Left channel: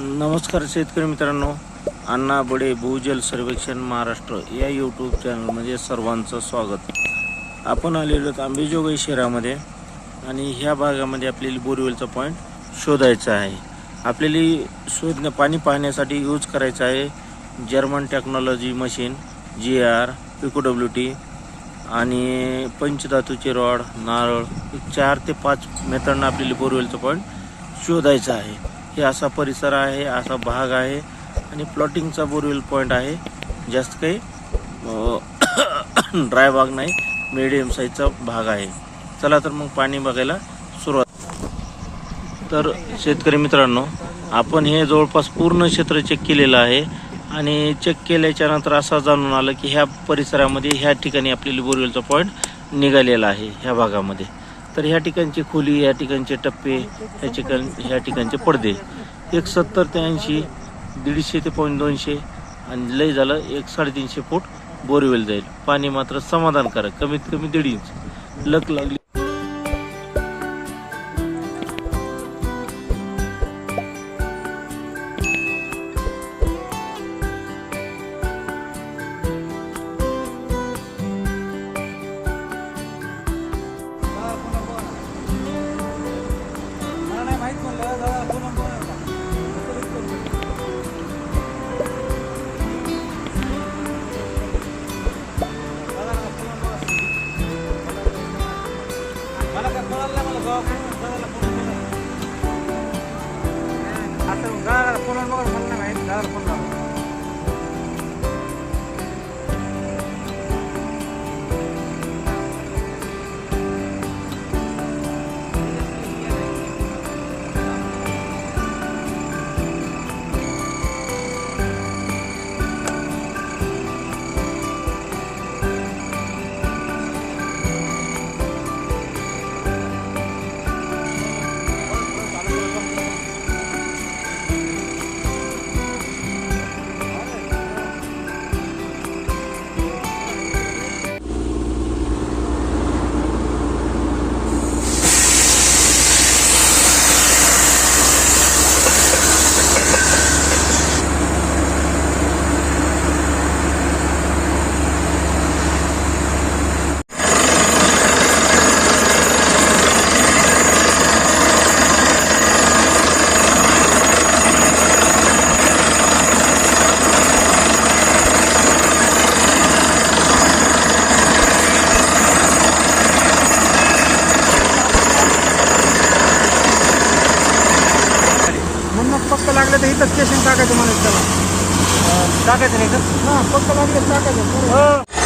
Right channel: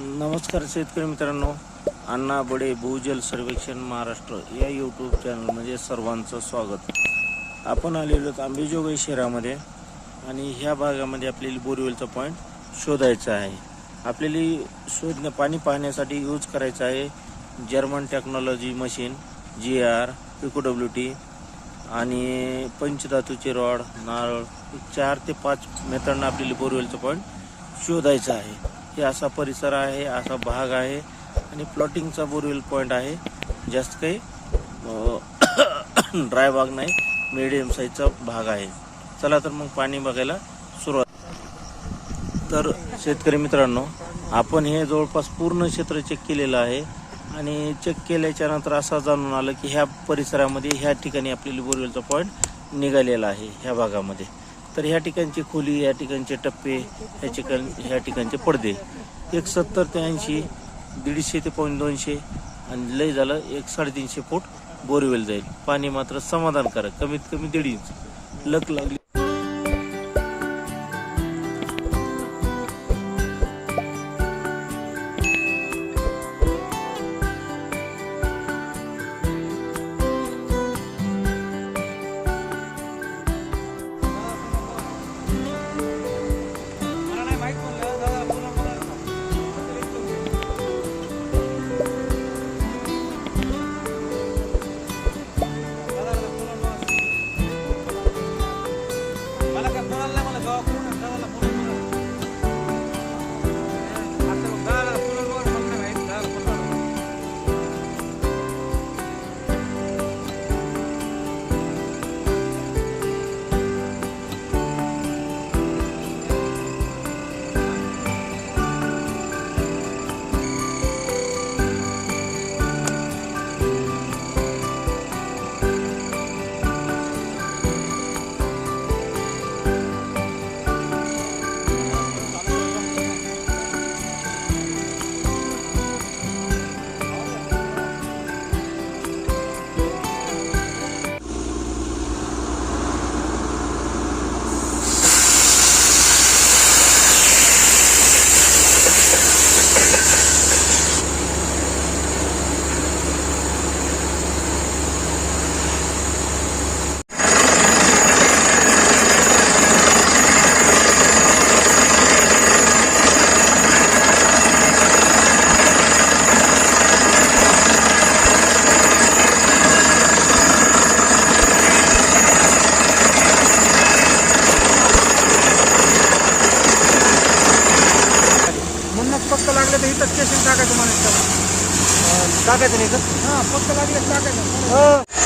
नमस्कार शेतकरी मित्रांनो अण्णा बडे भूजल सर्वेक्षण महाराष्ट्र या यूट्यूब चॅनलमध्ये सर्वांचं स्वागत. आपण आलेलो आहोत आंबेजोगाई शहरामध्ये आणि ह्या भागामध्ये आपल्याला बोरवेलचा पॉईंट शोधायचा आहे. आपल्याला शोधण्या पाणी पाहण्यासाठी यूज करायचं आहे German technology machine G R Pico W T आणि पंचधातूचे रॉड नारळ चार ते पाच मेथडनं आपल्याला बोरवेलचा पॉईंट शोधायचा आहे. हे असा परिसर आहे असा भाग आहे आणि प्लॉटिंगचा बोरवेल पॉईंट आहे. जास्त काही ड्राय भाग नाही मिडियम साईजचा भाग आहे. चला तर मग पाणी बघायला सुरुवात. तर शेतकरी मित्रांनो आपण हे जवळपास पूर्ण क्षेत्र चेक केलेलं आहे आणि चेक केल्याच्यानंतर असं जाणून आलं की ह्या परिसरामध्ये ह्या ठिकाणी आपल्याला बोरवेलचा पॉईंट निघालेला आहे ह्या भागामध्ये. तर ह्या ठिकाणची खोली या ठिकाणचे टप्पे ह्या ठिकाण ह्या ठिकाणचे पडदे. एक सत्तर ते ऐंशी दीडशे ते पॉईंट दोनशे आणि लय झालं एक साडेतीनशे फूट बोरवेल जाईल. पाणी मात्र समाधानकारक कमीत कमी दीड इंच. लक लागली Ako eh. na sa wala ko. मग पक्क लागलं तर इथं स्टेशन टाकायचं मला त्याला टाकायचं नाही का? हां पक्क लागलं टाकायचं.